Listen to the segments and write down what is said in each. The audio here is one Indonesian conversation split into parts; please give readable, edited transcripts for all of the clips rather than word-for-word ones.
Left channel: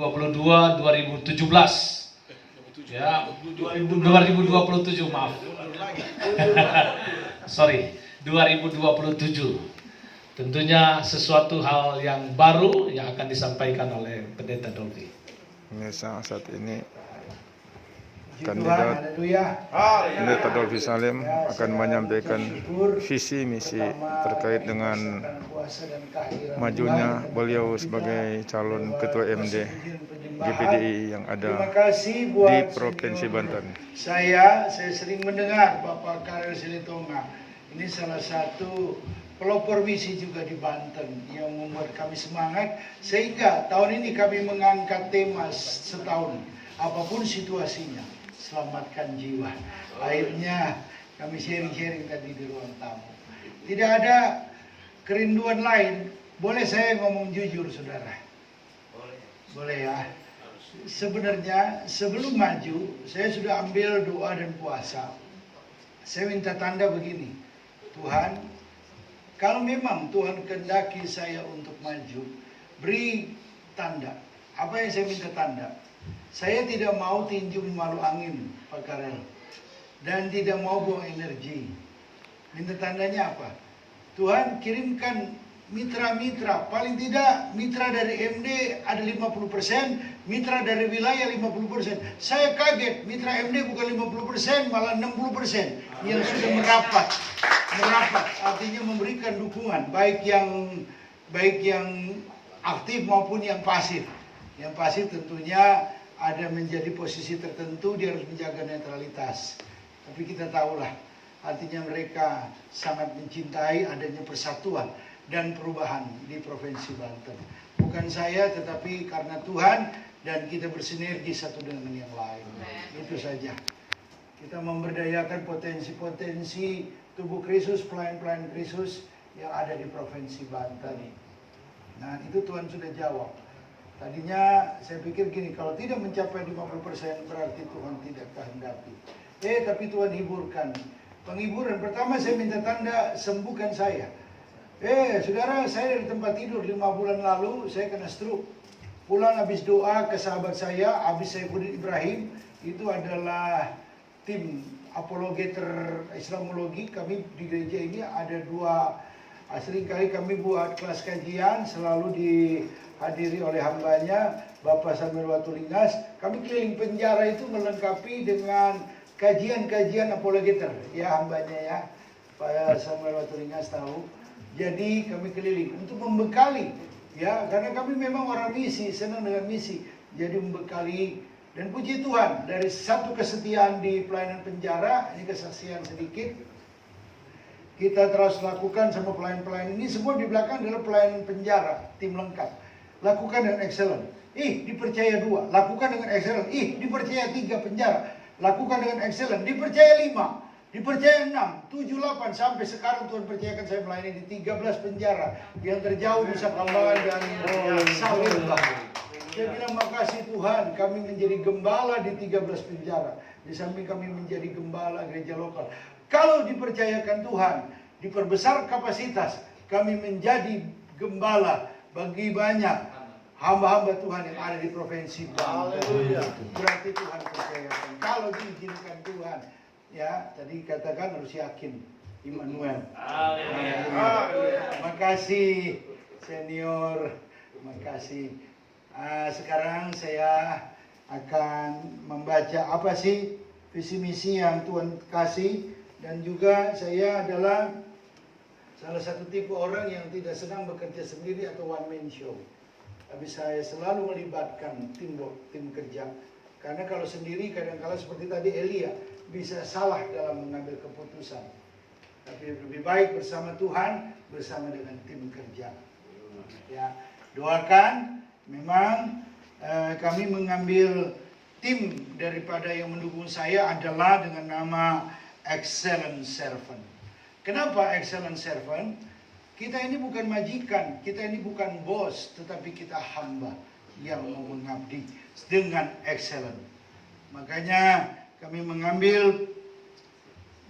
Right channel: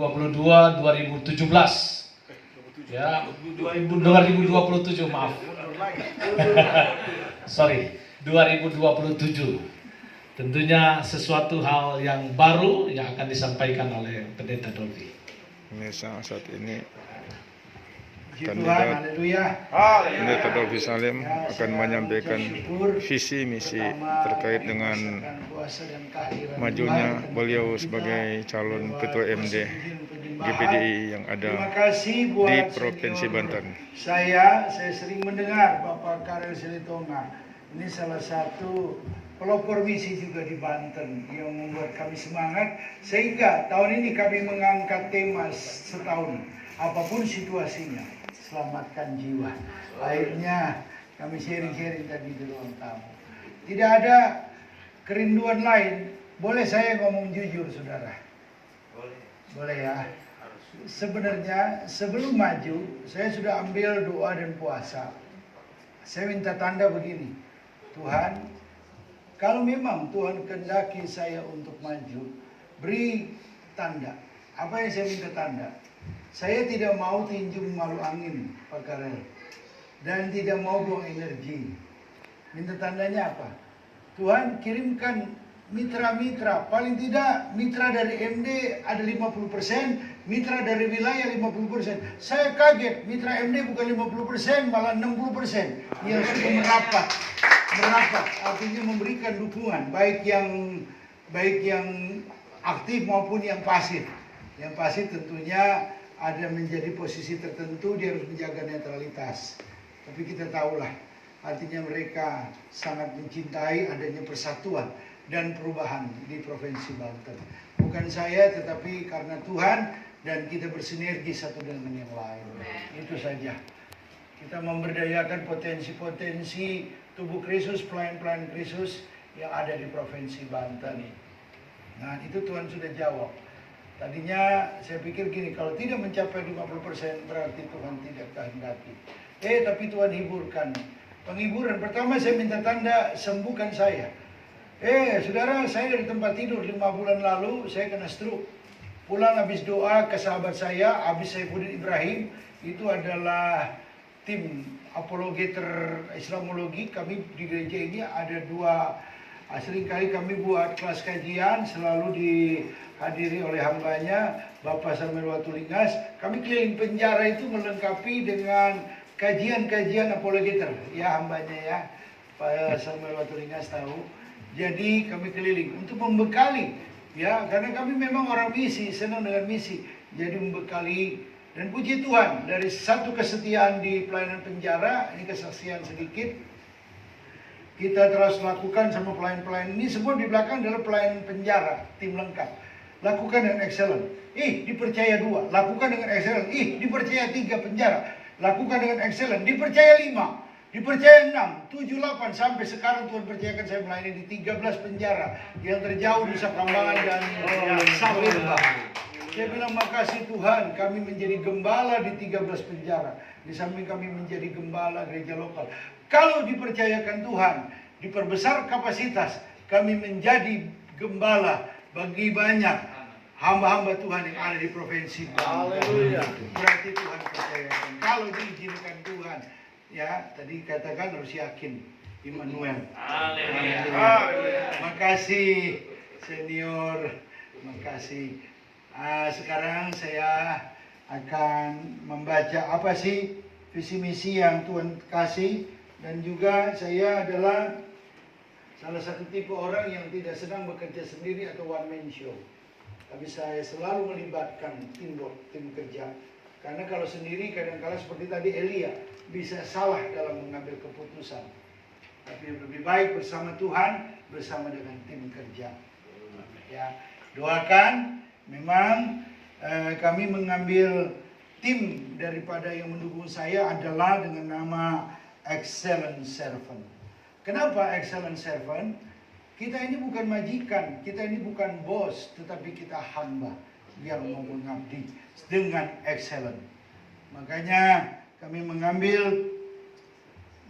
2022-2017. Ya, 2027 maaf. Sorry, 2027. Tentunya sesuatu hal yang baru yang akan disampaikan oleh Pendeta Dolby. Pemirsa, saat ini Puji kandidat Tuhan, haleluya. Pendeta Dolby Salim akan menyampaikan visi misi terkait dengan majunya beliau sebagai calon ketua MD GPDI yang ada Terima kasih buat di Provinsi senior Banten. Saya sering mendengar Bapak Karel Silitonga. Ini salah satu pelopor misi juga di Banten yang membuat kami semangat, sehingga tahun ini kami mengangkat tema setahun, apapun situasinya, selamatkan jiwa. Akhirnya kami sharing-sharing tadi di ruang tamu. Tidak ada kerinduan lain. Boleh saya ngomong jujur, saudara? Boleh ya. Sebenarnya sebelum maju, saya sudah ambil doa dan puasa. Saya minta tanda begini, Tuhan, kalau memang Tuhan kehendaki saya untuk maju, beri tanda. Apa yang saya minta tanda? Saya tidak mau tinju malu angin, Pak Karel, dan tidak mau buang energi. Minta tandanya apa? Tuhan kirimkan mitra-mitra, paling tidak mitra dari MD ada 50%, mitra dari wilayah 50%. Saya kaget, mitra MD bukan 50%, malah 60% yang sudah merapat, artinya memberikan dukungan, baik yang aktif maupun yang pasif. Yang pasif tentunya ada menjadi posisi tertentu, dia harus menjaga netralitas. Tapi kita tahulah, artinya mereka sangat mencintai adanya persatuan dan perubahan di Provinsi Banten. Bukan saya, tetapi karena Tuhan dan kita bersinergi satu dengan yang lain. Itu saja. Kita memberdayakan potensi-potensi tubuh Kristus, pelayan-pelayan Kristus yang ada di Provinsi Banten. Nah, itu Tuhan sudah jawab. Tadinya saya pikir gini, kalau tidak mencapai 50% berarti Tuhan tidak kehendaki. Tapi Tuhan hiburkan. Penghiburan pertama saya minta tanda, sembuhkan saya. Saudara, saya dari tempat tidur 5 bulan lalu, saya kena stroke. Pulang habis doa ke sahabat saya, Abis Saifuddin Ibrahim, itu adalah tim apologeter Islamologi. Kami di gereja ini ada 2, seringkali kami buat kelas kajian, selalu dihadiri oleh hambanya, Bapak Samuel Watulingas. Kami keliling penjara itu melengkapi dengan kajian-kajian apologeter, ya hambanya ya, Pak Samuel Watulingas tahu. Jadi kami keliling untuk membekali, ya, karena kami memang orang misi, senang dengan misi. Jadi membekali, dan puji Tuhan, dari satu kesetiaan di pelayanan penjara, ini kesaksian sedikit, kita terus lakukan sama pelayan-pelayan ini. Semua di belakang adalah pelayanan penjara, tim lengkap. Lakukan dengan excellent. Dipercaya 2, lakukan dengan excellent. Dipercaya 3 penjara, lakukan dengan excellent. Dipercaya 5, dipercaya 6, 7, 8, sampai sekarang Tuhan percayakan saya melayani di 13 penjara yang terjauh di Sakambangan dan Sawirba. Saya bilang makasih Tuhan, kami menjadi gembala di 13 penjara. Di samping kami menjadi gembala gereja lokal. Kalau dipercayakan Tuhan, diperbesar kapasitas, kami menjadi gembala bagi banyak hamba-hamba Tuhan yang ada di Provinsi Banten. Berarti Tuhan percayakan. Kalau diizinkan Tuhan, ya, tadi katakan harus yakin, Immanuel. Makasih senior, makasih. Sekarang saya akan membaca apa sih visi misi yang Tuhan kasih, dan juga saya adalah salah satu tipe orang yang tidak senang bekerja sendiri atau one man show. Tapi saya selalu melibatkan tim kerja. Karena kalau sendiri kadang-kala seperti tadi Elia bisa salah dalam mengambil keputusan. Tapi lebih baik bersama Tuhan, bersama dengan tim kerja. Ya, doakan. Memang kami mengambil tim daripada yang mendukung saya adalah dengan nama Excellent Servant. Kenapa Excellent Servant? Kita ini bukan majikan, kita ini bukan bos, tetapi kita hamba yang mau mengabdi dengan excellent. Makanya kami mengambil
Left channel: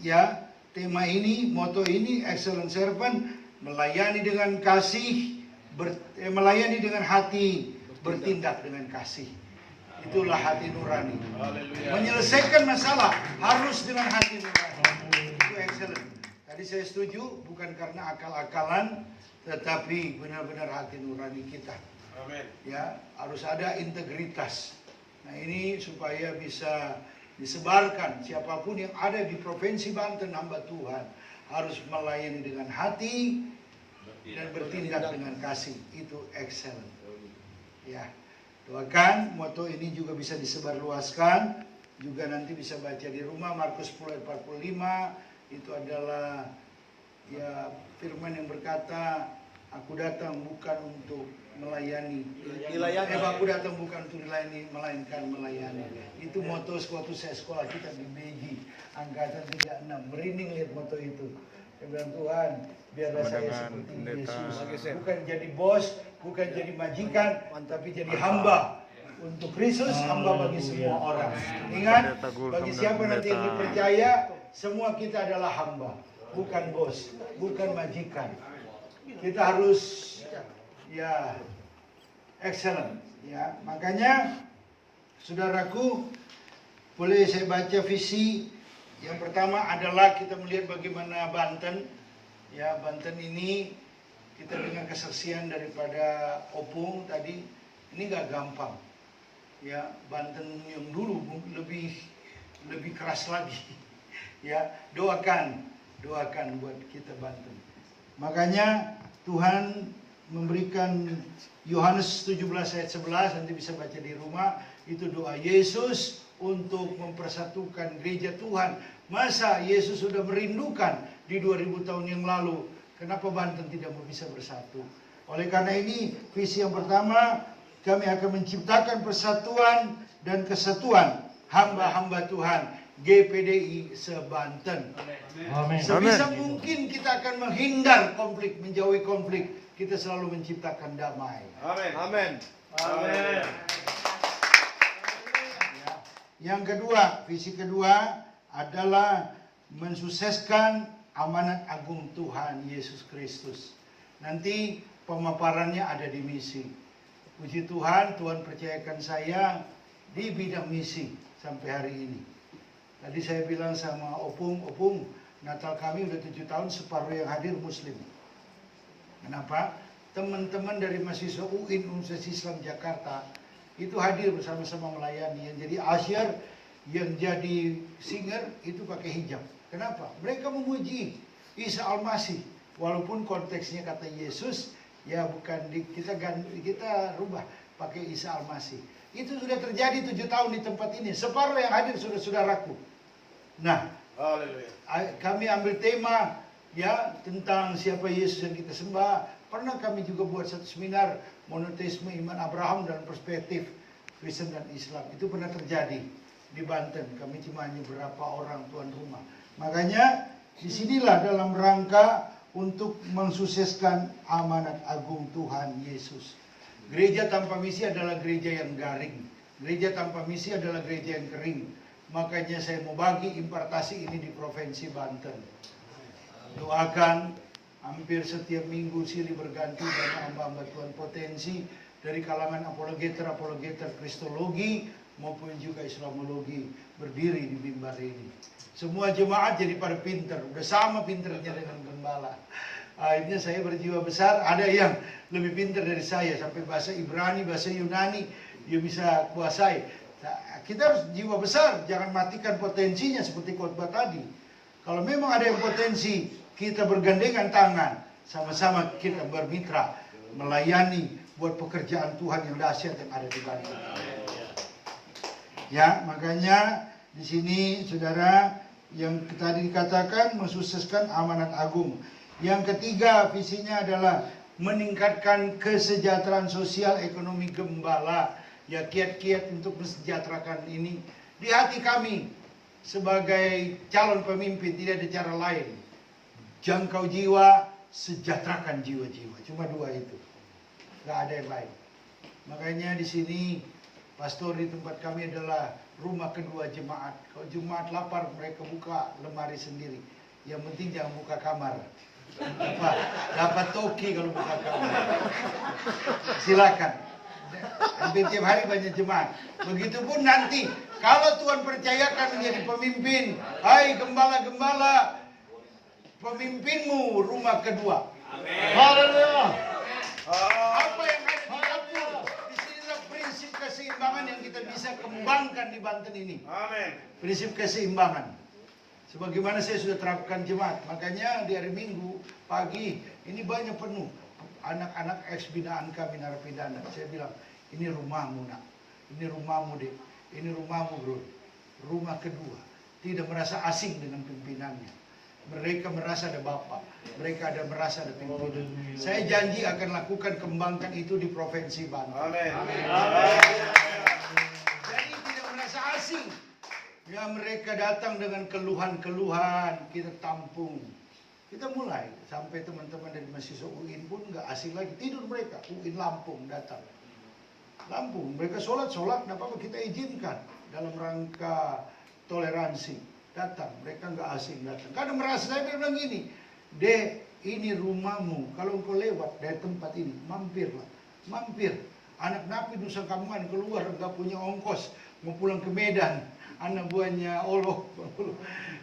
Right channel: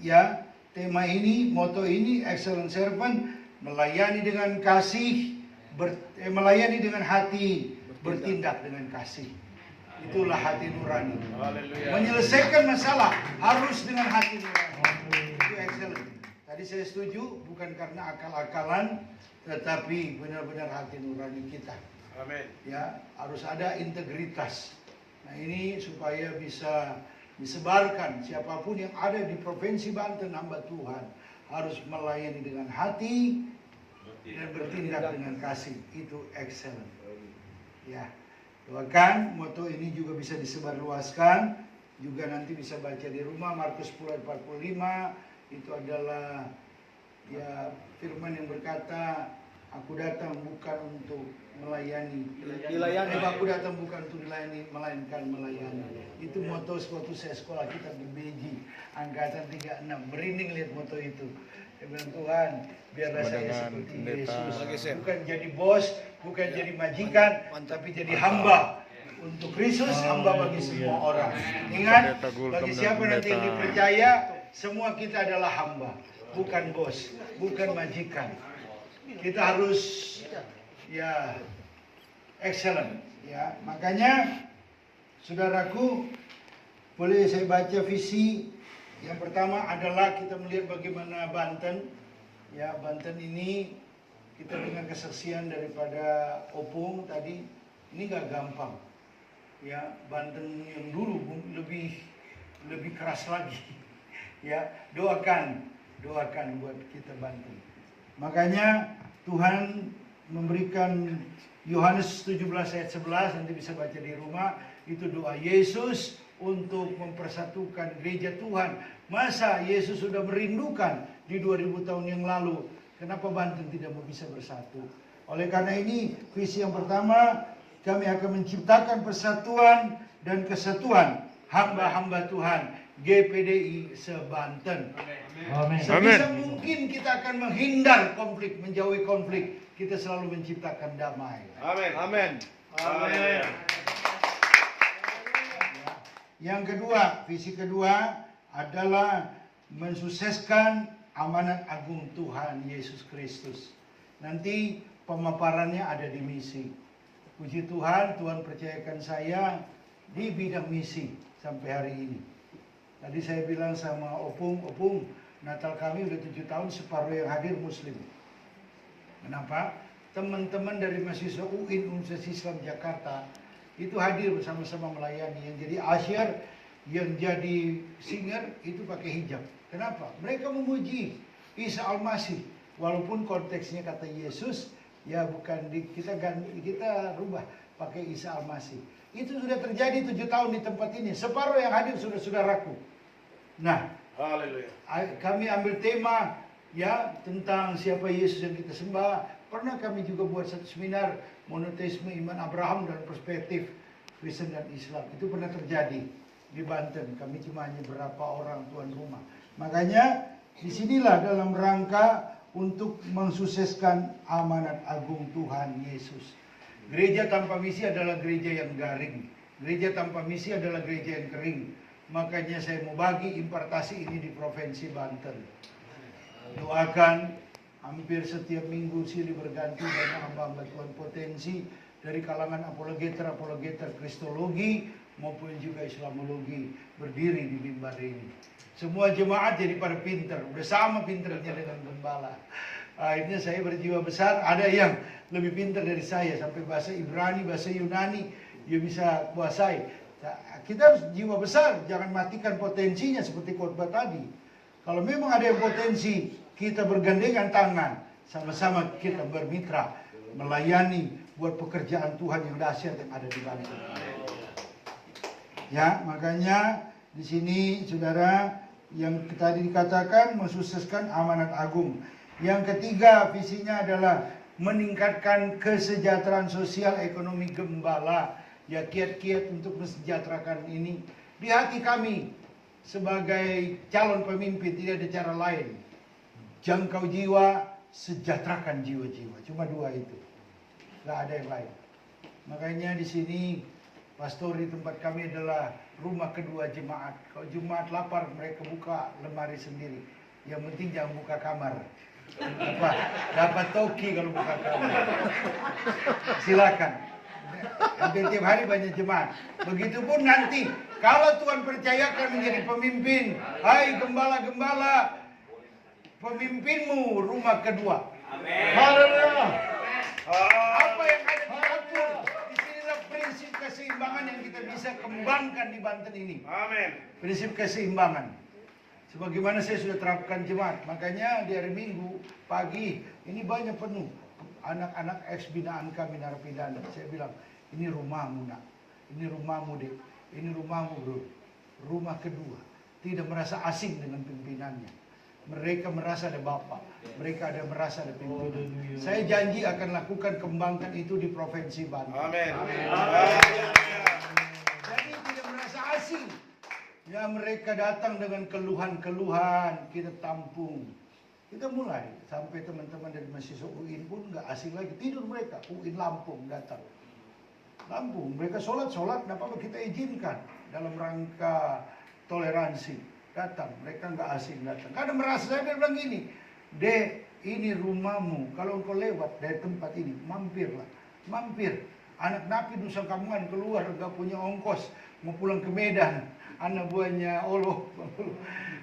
ya tema ini, moto ini, Excellent Servant, melayani dengan kasih, melayani dengan hati bertindak dengan kasih. Itulah hati nurani. Menyelesaikan masalah harus dengan hati nurani. Itu excellent. Tadi saya setuju, bukan karena akal-akalan, tetapi benar-benar hati nurani kita. Amin. Ya, harus ada integritas. Nah, ini supaya bisa disebarkan, siapapun yang ada di Provinsi Banten, hamba Tuhan harus melayani dengan hati dan bertindak dengan kasih. Itu excellent. Ya, doakan moto ini juga bisa disebarluaskan, juga nanti bisa baca di rumah. Markus 10:45 itu adalah ya firman yang berkata, aku datang bukan untuk melayani. Aku datang bukan untuk dilayani, melainkan melayani. Itu moto waktu saya sekolah kita di BG angkatan 36. Merinding lihat moto itu. Saya bilang, Tuhan, biarlah saya seperti Yesus. Bukan jadi bos, bukan jadi majikan, tapi jadi hamba untuk Kristus, hamba bagi semua orang. Ingat, bagi siapa nanti yang dipercaya, semua kita adalah hamba, bukan bos, bukan majikan. Kita harus ya excellent ya. Makanya saudaraku, boleh saya baca visi. Yang pertama adalah kita melihat bagaimana Banten ya. Banten ini kita dengan kesaksian daripada Opung tadi, ini gak gampang ya. Banten yang dulu lebih keras lagi ya. Doakan buat kita Banten. Makanya Tuhan memberikan Yohanes 17 ayat 11, nanti bisa baca di rumah. Itu doa Yesus untuk mempersatukan gereja Tuhan. Masa Yesus sudah merindukan di 2000 tahun yang lalu, kenapa Banten tidak mau bisa bersatu? Oleh karena ini, visi yang pertama, kami akan menciptakan persatuan dan kesatuan hamba-hamba Tuhan GPDI se-Banten. Amin. Sebisa mungkin kita akan menghindar konflik, menjauhi konflik. Kita selalu menciptakan damai. Amin. Amin. Amin. Yang kedua, visi kedua adalah mensukseskan amanat agung Tuhan Yesus Kristus. Nanti pemaparannya ada di misi. Puji Tuhan, Tuhan percayakan saya di bidang misi sampai hari ini. Tadi saya bilang sama Opung, Natal kami udah 7 tahun, separuh yang hadir Muslim. Kenapa? Teman-teman dari mahasiswa UIN Universitas Islam Jakarta itu hadir bersama-sama melayani. Yang jadi asyar, yang jadi singer itu pakai hijab. Kenapa? Mereka memuji Isa Al-Masih. Walaupun konteksnya kata Yesus, ya bukan kita rubah pakai Isa Al-Masih. Itu sudah terjadi 7 tahun di tempat ini. Separuh yang hadir sudah saudaraku. Nah, Haleluya. kami ambil tema ya tentang siapa Yesus yang kita sembah. Pernah kami juga buat satu seminar monoteisme iman Abraham dan perspektif Kristen dan Islam. Itu pernah terjadi di Banten. Kami cuma hanya berapa orang tuan rumah. Makanya disinilah dalam rangka untuk mensukseskan amanat agung Tuhan Yesus. Gereja tanpa misi adalah gereja yang garing. Gereja tanpa misi adalah gereja yang kering. Makanya saya mau bagi impartasi ini di Provinsi Banten. Doakan. Hampir setiap minggu silih berganti dan hamba-hamba Tuhan potensi dari kalangan apologeter kristologi maupun juga islamologi berdiri di mimbar ini. Semua jemaat jadi pada pinter, udah sama pinternya dengan gembala. Akhirnya saya berjiwa besar, ada yang lebih pinter dari saya sampai bahasa Ibrani, bahasa Yunani dia bisa kuasai. Kita harus jiwa besar, jangan matikan potensinya seperti khotbah tadi. Kalau memang ada yang potensi, kita bergandengan tangan, sama-sama kita bermitra, melayani buat pekerjaan Tuhan yang dahsyat yang ada di Banten. Ya, makanya di sini saudara yang tadi dikatakan mensukseskan amanat agung. Yang ketiga visinya adalah meningkatkan kesejahteraan sosial ekonomi gembala. Ya, kiat-kiat untuk mensejahterakan ini di hati kami sebagai calon pemimpin, tidak ada cara lain. Jangkau jiwa, sejahterakan jiwa-jiwa. Cuma dua itu. Gak ada yang lain. Makanya di sini pastor di tempat kami adalah rumah kedua jemaat. Kalau jemaat lapar mereka buka lemari sendiri. Yang penting jangan buka kamar. Dapat toki kalau buka kamar. Silakan. Hampir tiap hari banyak jemaat. Begitupun nanti kalau Tuhan percayakan menjadi pemimpin, hai gembala-gembala, pemimpinmu rumah kedua. Haleluya. Apa yang ada di dapur? Disinilah prinsip keseimbangan yang kita bisa kembangkan di Banten ini. Amin. Prinsip keseimbangan. Sebagaimana saya sudah terapkan jemaat. Makanya di hari Minggu pagi ini banyak penuh. Anak-anak ex binaan kami narapidana. Saya bilang, ini rumahmu nak. Ini rumahmu dek. Ini rumahmu bro. Rumah kedua. Tidak merasa asing dengan pimpinannya. Mereka merasa ada bapak. Mereka ada merasa ada pimpinan. Saya janji akan lakukan kembangkan itu di Provinsi Banten. Amin. Jadi tidak merasa asing. Ya mereka datang dengan keluhan-keluhan, kita tampung. Kita mulai sampai teman-teman dari mahasiswa UIN pun nggak asing lagi, tidur mereka. UIN Lampung datang. Lampung, mereka sholat, nggak apa-apa kita izinkan dalam rangka toleransi. Datang, mereka nggak asing datang. Karena merasa saya bilang gini, Dek, ini rumahmu. Kalau engkau lewat dari tempat ini, mampirlah, mampir. Anak napi Nusa Kambangan keluar nggak punya ongkos, mau pulang ke Medan. Anak buahnya Allah,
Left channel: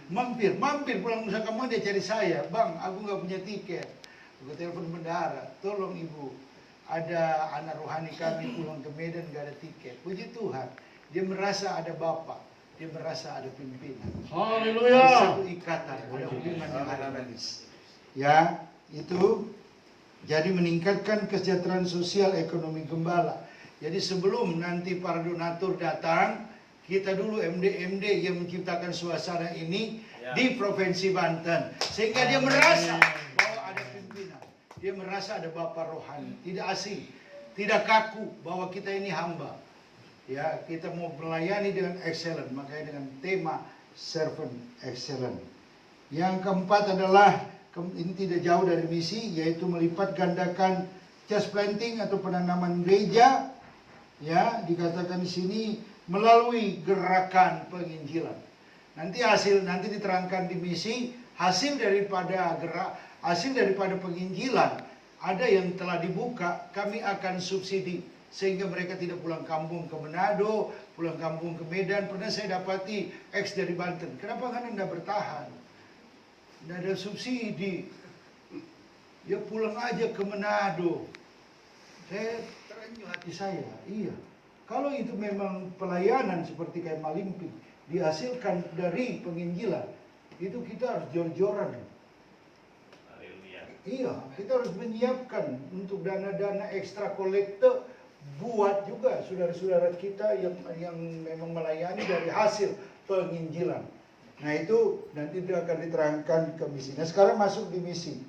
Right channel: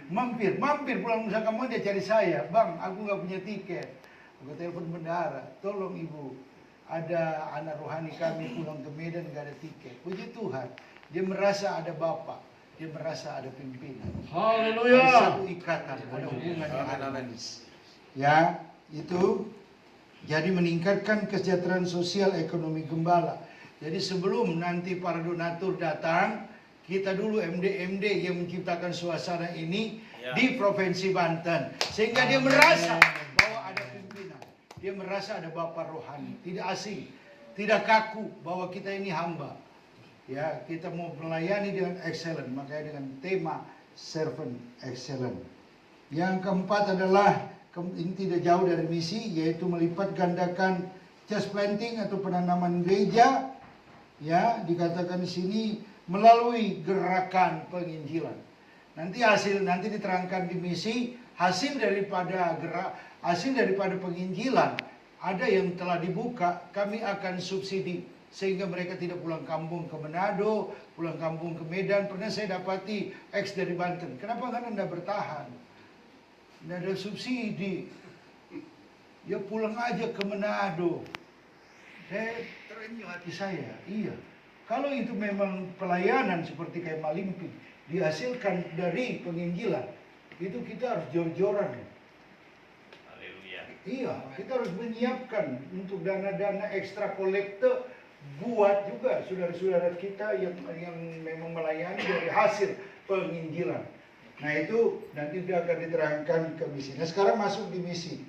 mampir pulang Nusa Kambangan dia cari saya, bang, aku nggak punya tiket. Aku telepon bendahara, tolong ibu, ada anak rohani kami pulang ke Medan nggak ada tiket. Puji Tuhan, dia merasa ada bapak, dia merasa ada pimpinan. Haleluya. Ada satu ikatan, ada hubungan yang harmonis. Ya, itu jadi meningkatkan kesejahteraan sosial ekonomi gembala. Jadi sebelum nanti para donatur datang, kita dulu MD-MD yang menciptakan suasana ini di Provinsi Banten. Sehingga dia merasa bahwa ada pimpinan. Dia merasa ada bapak rohani. Tidak asing, tidak kaku bahwa kita ini hamba. Ya, kita mau melayani dengan excellent. Makanya dengan tema Servant Excellent. Yang keempat adalah, ini tidak jauh dari misi, yaitu melipat gandakan church planting atau penanaman gereja. Ya, dikatakan di sini melalui gerakan penginjilan. Nanti diterangkan di misi hasil daripada penginjilan ada yang telah dibuka, kami akan subsidi sehingga mereka tidak pulang kampung ke Manado, pulang kampung ke Medan. Pernah saya dapati ex dari Banten, kenapa kan Anda bertahan? Tidak ada subsidi, ya pulang aja ke Manado. Saya terenyuh hati saya, iya. Kalau itu memang pelayanan seperti kayak Malimpi dihasilkan dari penginjilan, itu kita harus jor-joran. Iya, kita harus menyiapkan untuk dana-dana ekstra kolekte buat juga saudara-saudara kita yang memang melayani dari hasil penginjilan. Nah itu nanti akan diterangkan ke misi. Nah sekarang masuk di misi.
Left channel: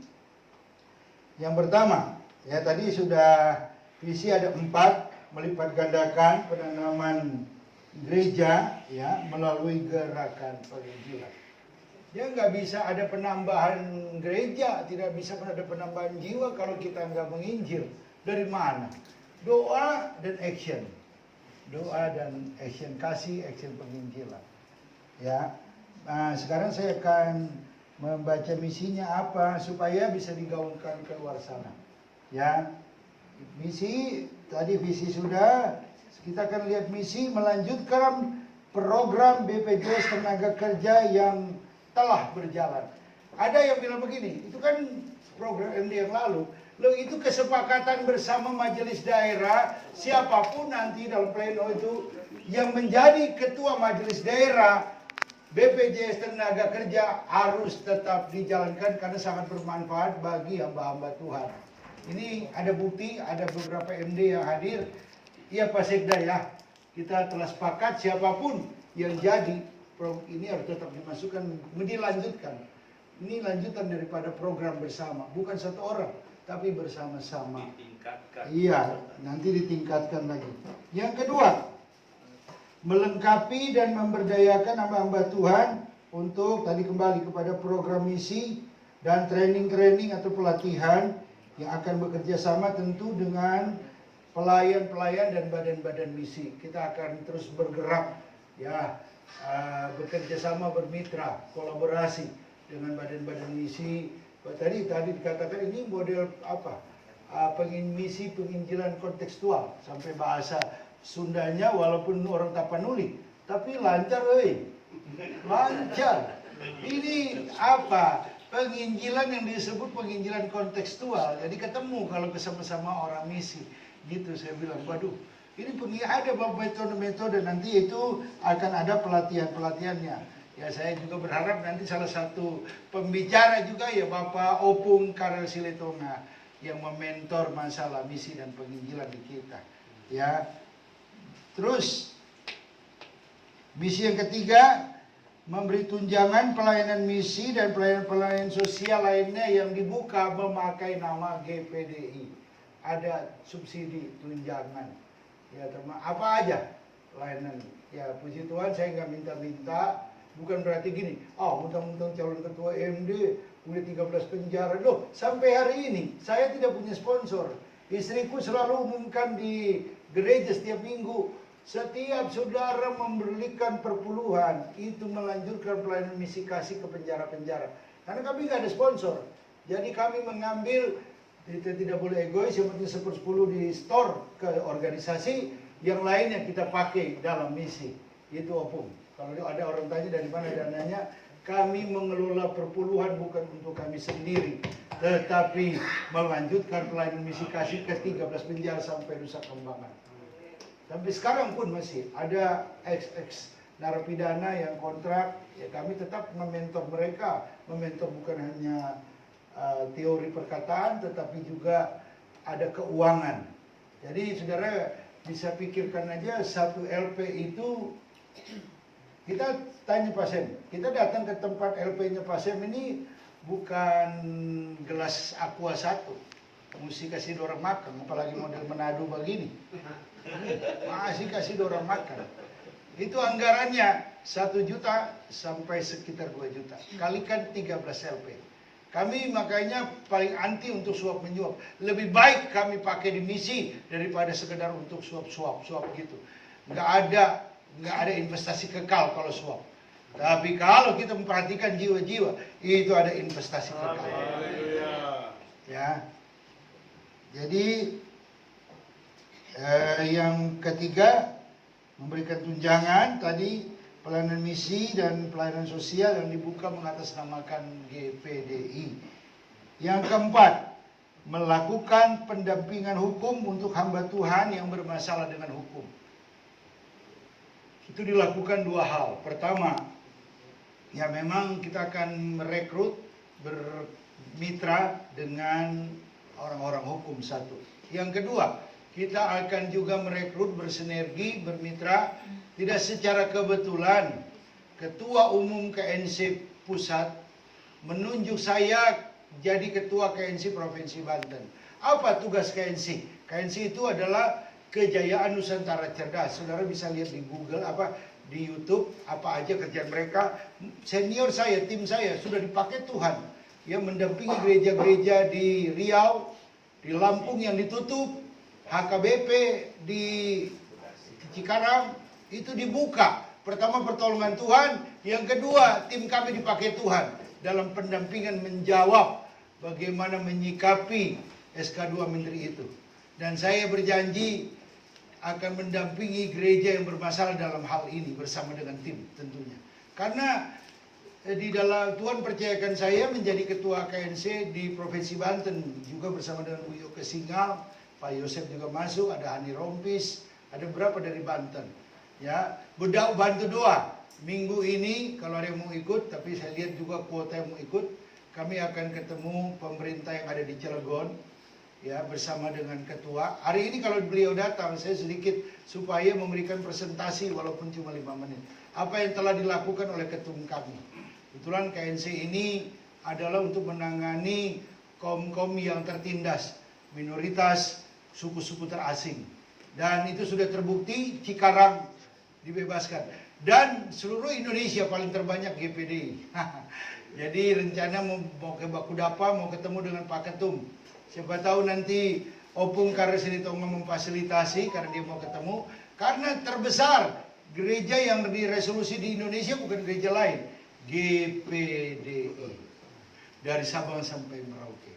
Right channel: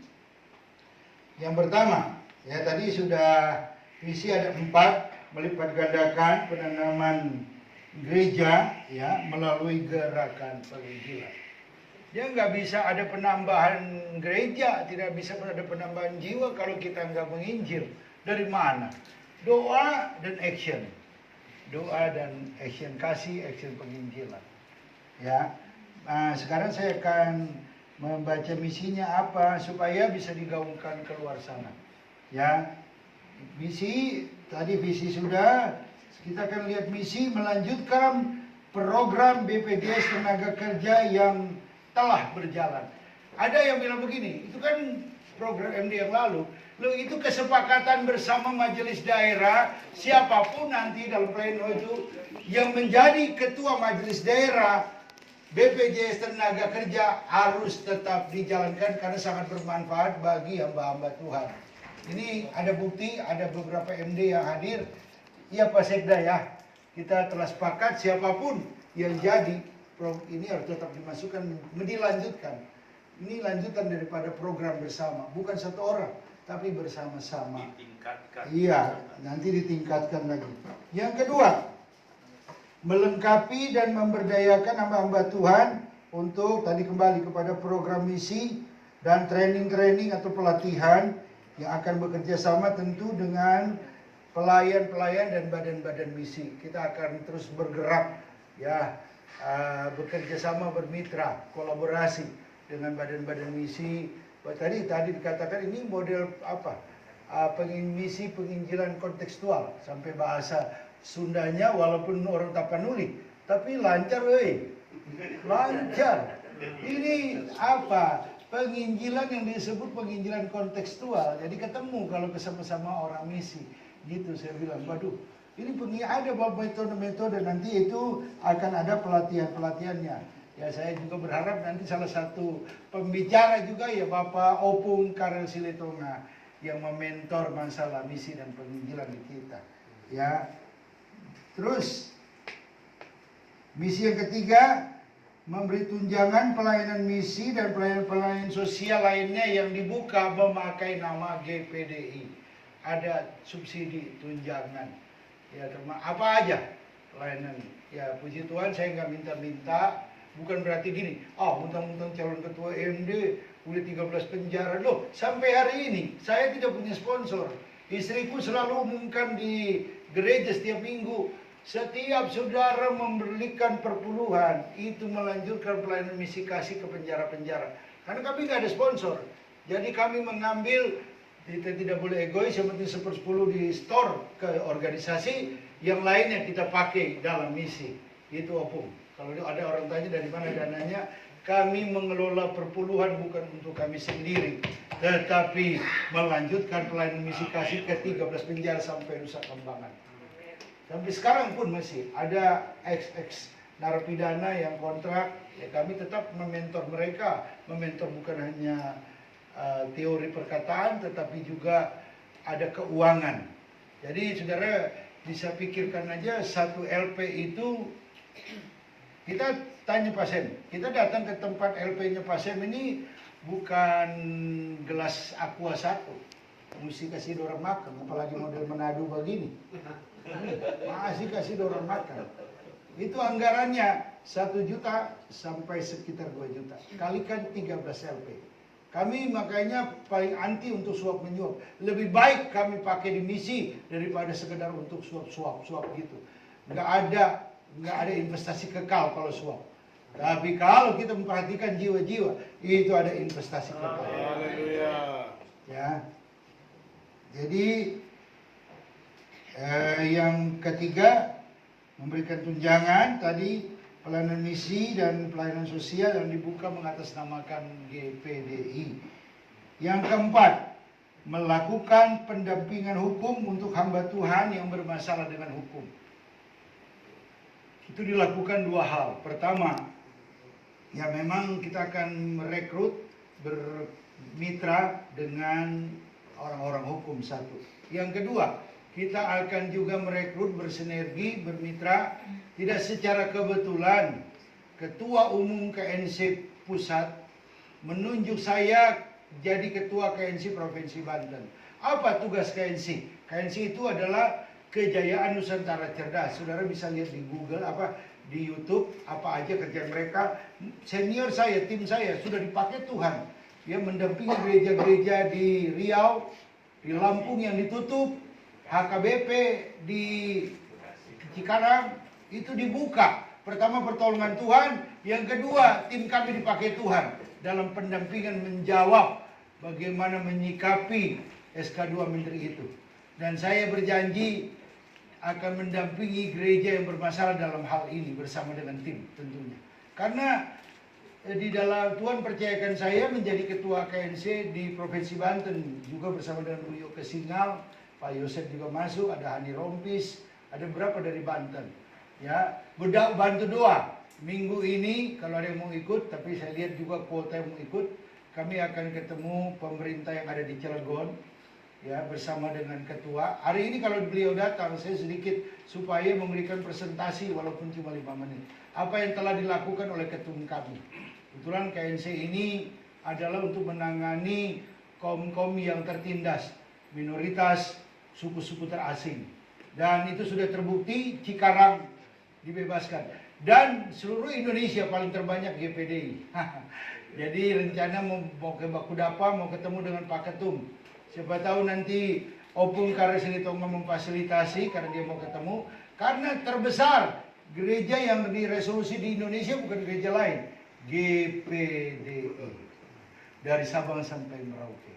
Yang pertama, ya tadi sudah visi ada 4, melipat gandakan penanaman gereja ya melalui gerakan penginjilan. Dia nggak bisa ada penambahan gereja, tidak bisa ada penambahan jiwa kalau kita nggak menginjil. Dari mana? Doa dan action. Doa dan action, kasih action penginjilan. Ya. Nah, sekarang saya akan membaca misinya apa supaya bisa digaungkan ke luar sana. Ya. Misi tadi visi sudah, kita akan lihat misi melanjutkan program BPJS Tenaga Kerja yang telah berjalan. Ada yang bilang begini, itu kan program MD yang lalu. Loh itu kesepakatan bersama majelis daerah, siapapun nanti dalam pleno itu yang menjadi ketua majelis daerah BPJS Tenaga Kerja harus tetap dijalankan karena sangat bermanfaat bagi hamba-hamba Tuhan. Ini ada bukti, ada beberapa MD yang hadir. Iya Pak Sekda ya, kita telah sepakat siapapun yang jadi ini harus tetap dimasukkan, dilanjutkan. Ini lanjutan daripada program bersama, bukan satu orang, tapi bersama-sama. Ditingkatkan. Iya, nanti ditingkatkan lagi. Yang kedua, melengkapi dan memberdayakan hamba-hamba Tuhan untuk tadi kembali kepada program misi dan training-training atau pelatihan yang akan bekerja sama tentu dengan pelayan-pelayan dan badan-badan misi. Kita akan terus bergerak ya, bekerja sama, bermitra, kolaborasi dengan badan-badan misi. Tadi dikatakan ini model apa? misi penginjilan kontekstual sampai bahasa Sundanya walaupun orang Tapanuli, tapi lancar weh. Lancar. Ini apa? Penginjilan yang disebut penginjilan kontekstual. Jadi ketemu kalau bersama-sama orang misi. Gitu saya bilang, waduh, ini ada metode-metode, nanti itu akan ada pelatihan-pelatihannya. Ya saya juga berharap nanti salah satu pembicara juga ya Bapak Opung Karel Siletonga yang mementor masalah misi dan penginjilan di kita. Ya. Terus misi yang ketiga, memberi tunjangan pelayanan misi dan pelayanan sosial lainnya yang dibuka memakai nama GPDI. Ada subsidi tunjangan. Ya, apa aja pelayanan. Ya, puji Tuhan saya nggak minta-minta. Bukan berarti gini, mentang-mentang calon ketua MD udah 13 penjara. Loh, sampai hari ini saya tidak punya sponsor. Istriku selalu umumkan di gereja setiap minggu, setiap saudara memberikan perpuluhan, itu melanjutkan pelayanan misi kasih ke penjara-penjara. Karena kami nggak ada sponsor. Jadi kami mengambil, kita tidak boleh egois, yang penting 1/10 di store ke organisasi, yang lainnya kita pakai dalam misi. Itu opung. Kalau ada orang tanya dari mana dananya, kami mengelola perpuluhan bukan untuk kami sendiri, tetapi melanjutkan pelayanan misi kasih ke 13 penjara sampai Nusa Kambangan. Sampai sekarang pun masih ada ex narapidana yang kontrak, ya kami tetap mementor mereka. Mementor bukan hanya teori perkataan, tetapi juga ada keuangan. Jadi saudara bisa pikirkan aja, satu LP itu, kita tanya pasien, kita datang ke tempat LP-nya pasien ini bukan gelas aqua 1, mesti kasih dorong makan, apalagi model Manado begini. Masih kasih dorong makan. Itu anggarannya 1 juta sampai sekitar 2 juta. Kalikan 13 LP. Kami makanya paling anti untuk suap menyuap. Lebih baik kami pakai di misi daripada sekedar untuk suap gitu. Nggak ada investasi kekal kalau suap. Tapi kalau kita memperhatikan jiwa-jiwa, itu ada investasi kekal. Haleluya. Ya. Jadi yang ketiga, memberikan tunjangan tadi, pelayanan misi dan pelayanan sosial yang dibuka mengatasnamakan GPDI. Yang keempat, melakukan pendampingan hukum untuk hamba Tuhan yang bermasalah dengan hukum. Itu dilakukan 2 hal. Pertama, ya memang kita akan merekrut, bermitra dengan orang-orang hukum satu. Yang kedua, kita akan juga merekrut, bersinergi, bermitra, tidak secara kebetulan. Ketua Umum KNC Pusat menunjuk saya jadi Ketua KNC Provinsi Banten. Apa tugas KNC? KNC itu adalah Kejayaan Nusantara Cerdas. Saudara bisa lihat di Google, di YouTube, apa aja kerjaan mereka. Senior saya, tim saya sudah dipakai Tuhan. Yang mendampingi gereja-gereja di Riau, di Lampung yang ditutup, HKBP di Cikarang, itu dibuka. Pertama pertolongan Tuhan, yang kedua tim kami dipakai Tuhan dalam pendampingan menjawab bagaimana menyikapi SK2 Menteri itu. Dan saya berjanji akan mendampingi gereja yang bermasalah dalam hal ini bersama dengan tim tentunya. Karena di dalam Tuhan percayakan saya menjadi ketua KNC di Provinsi Banten juga bersama dengan Bu Yoke Singal, Pak Yosef juga masuk, ada Hani Rompis, ada beberapa dari Banten. Ya, budak bantu doa. Minggu ini kalau ada yang mau ikut, tapi saya lihat juga kuota yang mau ikut, kami akan ketemu pemerintah yang ada di Cilegon. Ya, bersama dengan ketua. Hari ini kalau beliau datang, saya sedikit supaya memberikan presentasi walaupun cuma 5 menit. Apa yang telah dilakukan oleh ketum kami. Kebetulan KNC ini adalah untuk menangani kaum-kaum yang tertindas, minoritas, suku-suku terasing. Dan itu sudah terbukti, Cikarang dibebaskan. Dan seluruh Indonesia paling terbanyak GPDI. Jadi rencana mau ke Bakudapa, mau ketemu dengan Pak Ketum. Siapa tahu nanti Opung Karel Siletonga memfasilitasi karena dia mau ketemu. Karena terbesar gereja yang diresolusi di Indonesia bukan gereja lain, GPDI. Dari Sabang sampai Merauke.